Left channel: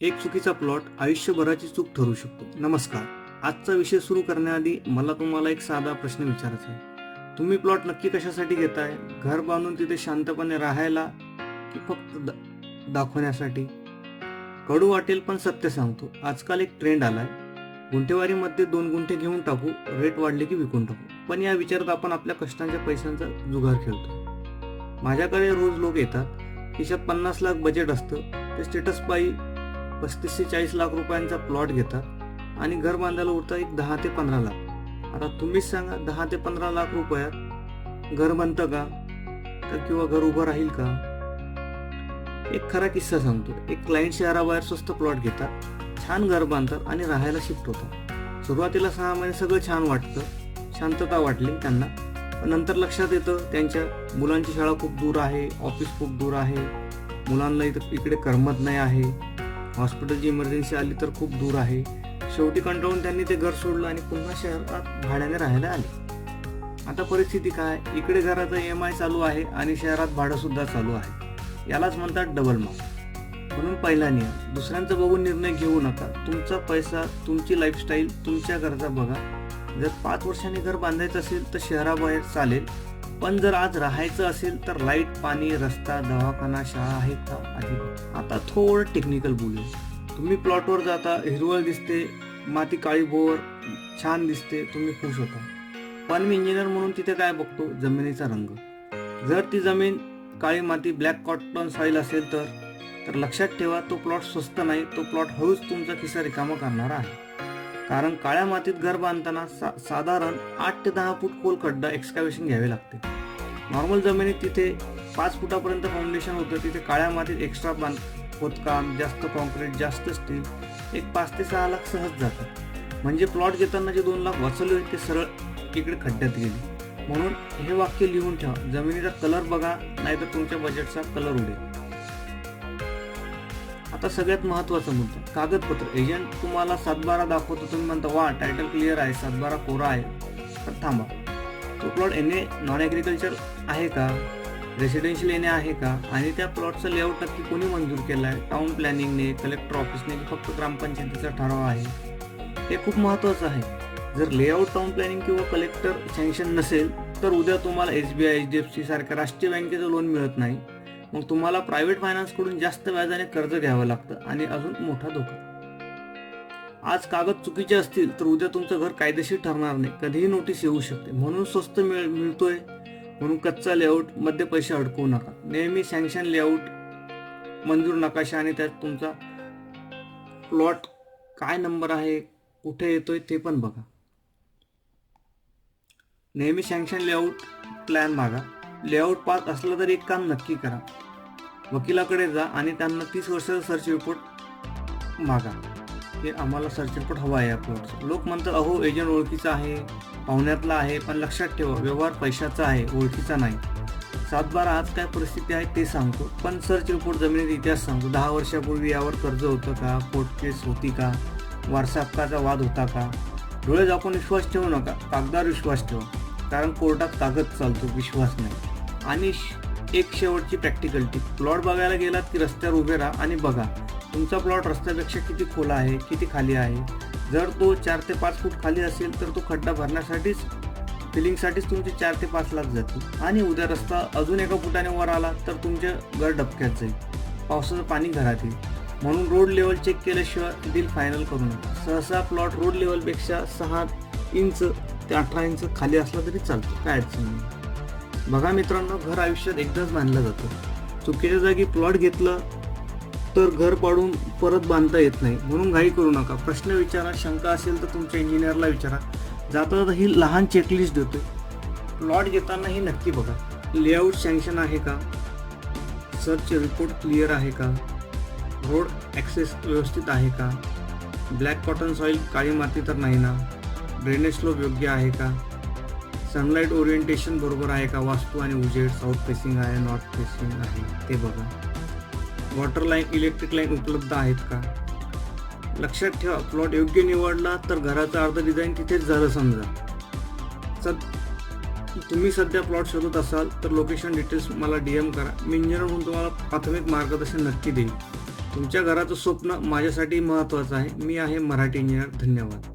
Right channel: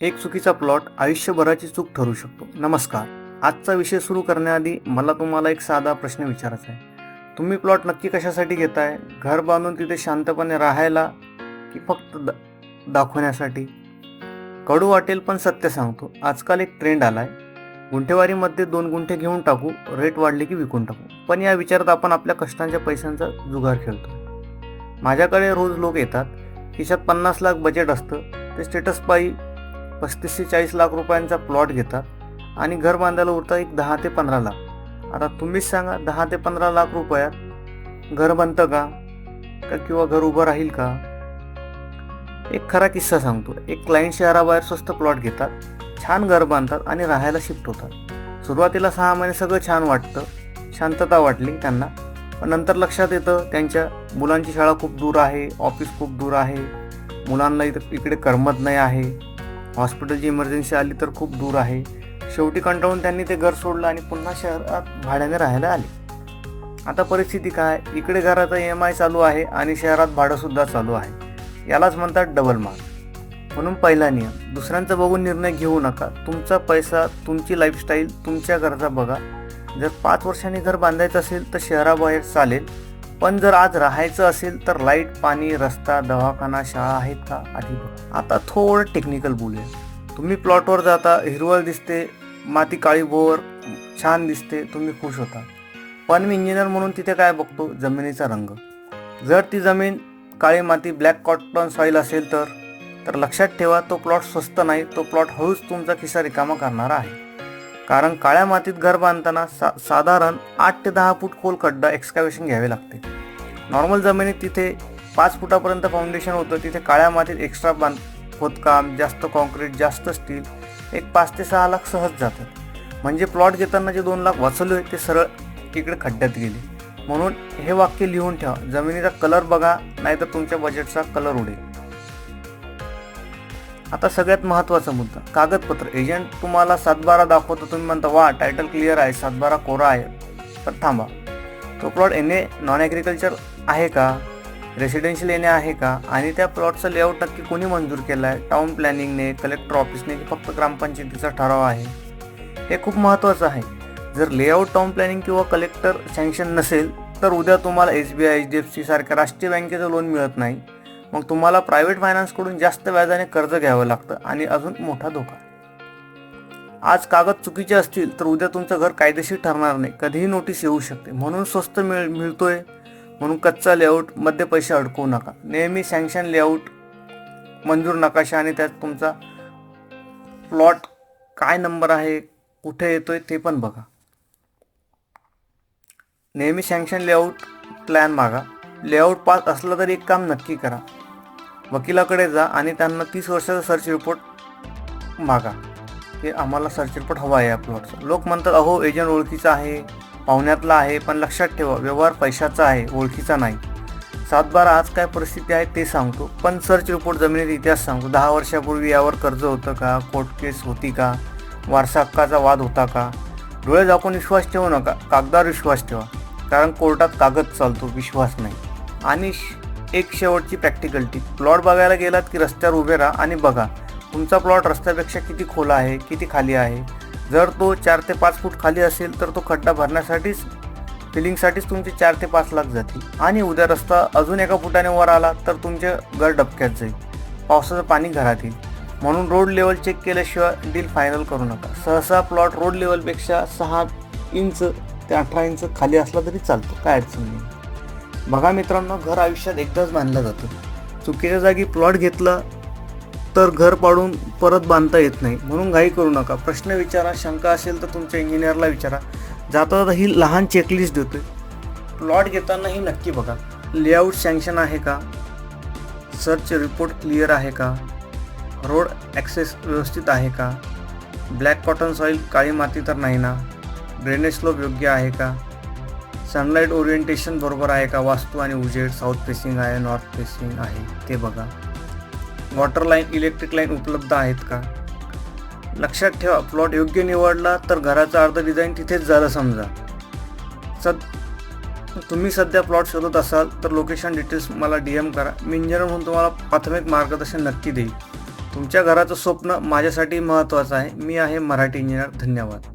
एक चुकीचा प्लॉट आयुष्यभराची चूक ठरू शकतो. नमस्कार. आजचा विषय सुरू करण्याआधी मला तुम्हाला एक साधा प्रश्न विचारायचा आहे. तुम्ही प्लॉट नक्की कशासाठी घेताय? घर बांधून तिथे शांतपणे राहायला की फक्त दाखवण्यासाठी? कडू वाटेल पण सत्य सांगतो. आजकाल एक ट्रेंड आलाय. गुंठेवारीमध्ये 2 गुंठे घेऊन टाकू, रेट वाढले की विकून टाकू. पण या विचारात आपण आपल्या कष्टांच्या पैशांचा जुगार खेळतो. माझ्याकडे रोज लोक येतात. खिशात 50 लाख बजेट असतं. ते स्टेटस पायी 35 ते 40 लाख रुपयांचा प्लॉट घेतात आणि घर बांधायला उरतात एक 10 ते 15 लाख. आता तुम्हीच सांगा, 10 ते 15 लाख रुपयात घर बनतं का किंवा घर उभं राहील का? एक खरा किस्सा सांगतो. एक क्लायंट शहराबाहेर स्वस्त प्लॉट घेतात, छान घर बांधतात आणि राहायला शिफ्ट होतात. सुरुवातीला 6 महिने सगळं छान वाटतं, शांतता वाटली त्यांना. पण नंतर लक्षात येतं त्यांच्या मुलांची शाळा खूप दूर आहे, ऑफिस खूप दूर आहे, मुलांना इकडे करमत नाही आहे, हॉस्पिटलची इमर्जन्सी आली तर खूप दूर आहे. शेवटी कंटाळून त्यांनी ते घर सोडलं आणि पुन्हा शहरात भाड्याने राहायला आले. आता परिस्थिती काय? इकडे घराचा EMI चालू आहे आणि शहरात भाडंसुद्धा चालू आहे. यालाच म्हणतात डबल मार. म्हणून पहिला नियम, दुसऱ्यांचा बघून निर्णय घेऊ नका. तुमचा पैसा, तुमची लाईफस्टाईल, तुमच्या गरजा बघा. जर 5 वर्षांनी घर बांधायचं असेल तर शहराबाहेर चालेल, पण जर आज राहायचं असेल तर लाईट, पाणी, रस्ता, दवाखाना, शाळा आहेत का आधी बघा. आता थोडं टेक्निकल बोलूया. तुम्ही प्लॉटवर जाता, हिरवळ दिसते, माती काळीभोर छान दिसते, तुम्ही खुश होता. पण मी इंजिनियर म्हणून तिथे काय बघतो? जमिनीचा रंग. जर ती जमीन काळी माती, ब्लॅक कॉटन सॉईल असेल तर लक्षात ठेवा, तो प्लॉट स्वस्त नाही, तो प्लॉट हळूच तुमचा खिसा रिकामा करणारा आहे. कारण काळ्या मातीत घर बांधताना साधारण 8 ते 10 फूट खोल खड्डा एक्सकॅव्हेशन घ्यावे लागते. नॉर्मल जमिनीत तिथे 5 फुटापर्यंत फाउंडेशन होतं, तिथे काळ्या मातीत एक्स्ट्रा खोदकाम, जास्त कॉन्क्रीट, जास्त स्टील, एक 5 ते 6 लाख सहज जातात. म्हणजे प्लॉट घेताना जे 2 लाख वाचवले ते सरळ इकडे खड्ड्यात गेले. म्हणून हे वाक्य लिहून ठेवा, जमिनीचा कलर बघा, नाहीतर तुमच्या बजेटचा कलर उडेल. आता सगळ्यात महत्त्वाचा मुद्दा, कागदपत्र. एजंट तुम्हाला 7/12 दाखवतो, तुम्ही म्हणता वा टायटल क्लिअर आहे, 7/12 कोरा आहे. पण थांबा, तो प्लॉट NA नॉन ॲग्रिकल्चर आहे का, रेसिडेन्शियल NA आहे का, आणि त्या प्लॉटचा लेआउट नक्की कोणी मंजूर केला आहे, टाउन प्लॅनिंगने, कलेक्टर ऑफिसने की फक्त ग्रामपंचायतीचा ठराव आहे, हे खूप महत्त्वाचं आहे. जर लेआउट, टाउन प्लॅनिंग किंवा कलेक्टर सँक्शन नसेल तर उद्या तुम्हाला SBI, HDFC सारख्या राष्ट्रीय बँकेचं लोन मिळत नाही. मग तुम्हाला प्रायव्हेट फायनान्सकडून जास्त व्याजाने कर्ज घ्यावं लागतं आणि अजून मोठा धोका. आज कागद चुकीचे असतील तर उद्या तुमचं घर कायदेशीर ठरणार नाही, कधीही नोटीस येऊ शकते. म्हणून स्वस्त मिळतोय म्हणून कच्चा लेआउट मध्ये पैसे अडकवू नका. नेहमी सँक्शन लेआउट, मंजूर नकाशा आणि त्यात तुमचा प्लॉट काय नंबर आहे, कुठे येतोय ते पण बघा. नेहमी सँक्शन लेआउट प्लॅन मागा. लेआउट पास असलं तर एक काम नक्की करा, वकिलाकडे जा आणि त्यांना 30 वर्षाचा सर्च रिपोर्ट मागा की आम्हाला सर्च रिपोर्ट हवा आहे या प्लॉटचा. लोक म्हणतात अहो एजंट ओळखीचा आहे, पाहुण्यातला आहे, पण लक्षात ठेवा, व्यवहार पैशाचा आहे, ओळखीचा नाही. 7/12 आज काय परिस्थिती आहे ते सांगतो, पण सर्च रिपोर्ट जमिनीचा इतिहास सांगतो. 10 वर्षापूर्वी यावर कर्ज होतं का, कोर्ट केस होती का, वारसा हक्काचा वाद होता का. डोळे झाकून विश्वास ठेवू नका, कागदावर विश्वास ठेवा, कारण कोर्टात कागद चालतो, विश्वास नाही. आणि एक शेवटची प्रॅक्टिकल टिप, प्लॉट बघायला गेलात की रस्त्यावर उभे राहा आणि बघा तुमचा प्लॉट रस्त्यापेक्षा किती खोला आहे, किती खाली आहे. जर तो 4 ते 5 फूट खाली असेल तर तो खड्डा भरण्यासाठीच, फिलिंगसाठीच तुमचे 4 ते 5 लाख जातील. आणि उद्या रस्ता अजून 1 फुटाने वर आला तर तुमचे घर डबक्यात जाईल, पावसाचं पाणी घरात येईल. म्हणून रोड लेवल चेक केल्याशिवाय डील फायनल करू नका. सहसा प्लॉट रोड लेवलपेक्षा 6 इंच ते 18 इंच खाली असला तरी चालतो, काय अडचण नाही. बघा मित्रांनो, घर आयुष्यात एकदाच बांधलं जातं. चुकीच्या जागी प्लॉट घेतला तर घर पाडून परत बांधता येत नाही. म्हणून घाई करू नका. प्रश्न विचारा, शंका असेल तर तुमच्या इंजिनियरला विचारा. जाता जाता ही लहान चेकलिस्ट देतोय. प्लॉट घेताना ही नक्की बघा, लेआउट सँक्शन आहे का, सर्च रिपोर्ट क्लिअर आहे का, रोड ॲक्सेस व्यवस्थित आहे का, ब्लॅक कॉटन सॉईल, काळी माती तर नाही ना, ड्रेनेज स्लोप योग्य आहे का, सनलाईट ओरिएंटेशन बरोबर आहे का, वास्तू आणि उजेड साऊथ फेसिंग आहे, नॉर्थ फेसिंग आहे ते बघा, वॉटर लाईन, इलेक्ट्रिक लाईन उपलब्ध आहेत का. लक्षात ठेवा, प्लॉट योग्य निवडला तर घराचा अर्ध डिझाईन तिथेच झालं समजा. तुम्ही सध्या प्लॉट शोधत असाल तर लोकेशन डिटेल्स मला DM करा. मी इंजिनियर म्हणून तुम्हाला प्राथमिक मार्गदर्शन नक्की देईल. तुमच्या घराचं स्वप्न माझ्यासाठी महत्त्वाचं आहे. मी आहे मराठी इंजिनियर. धन्यवाद.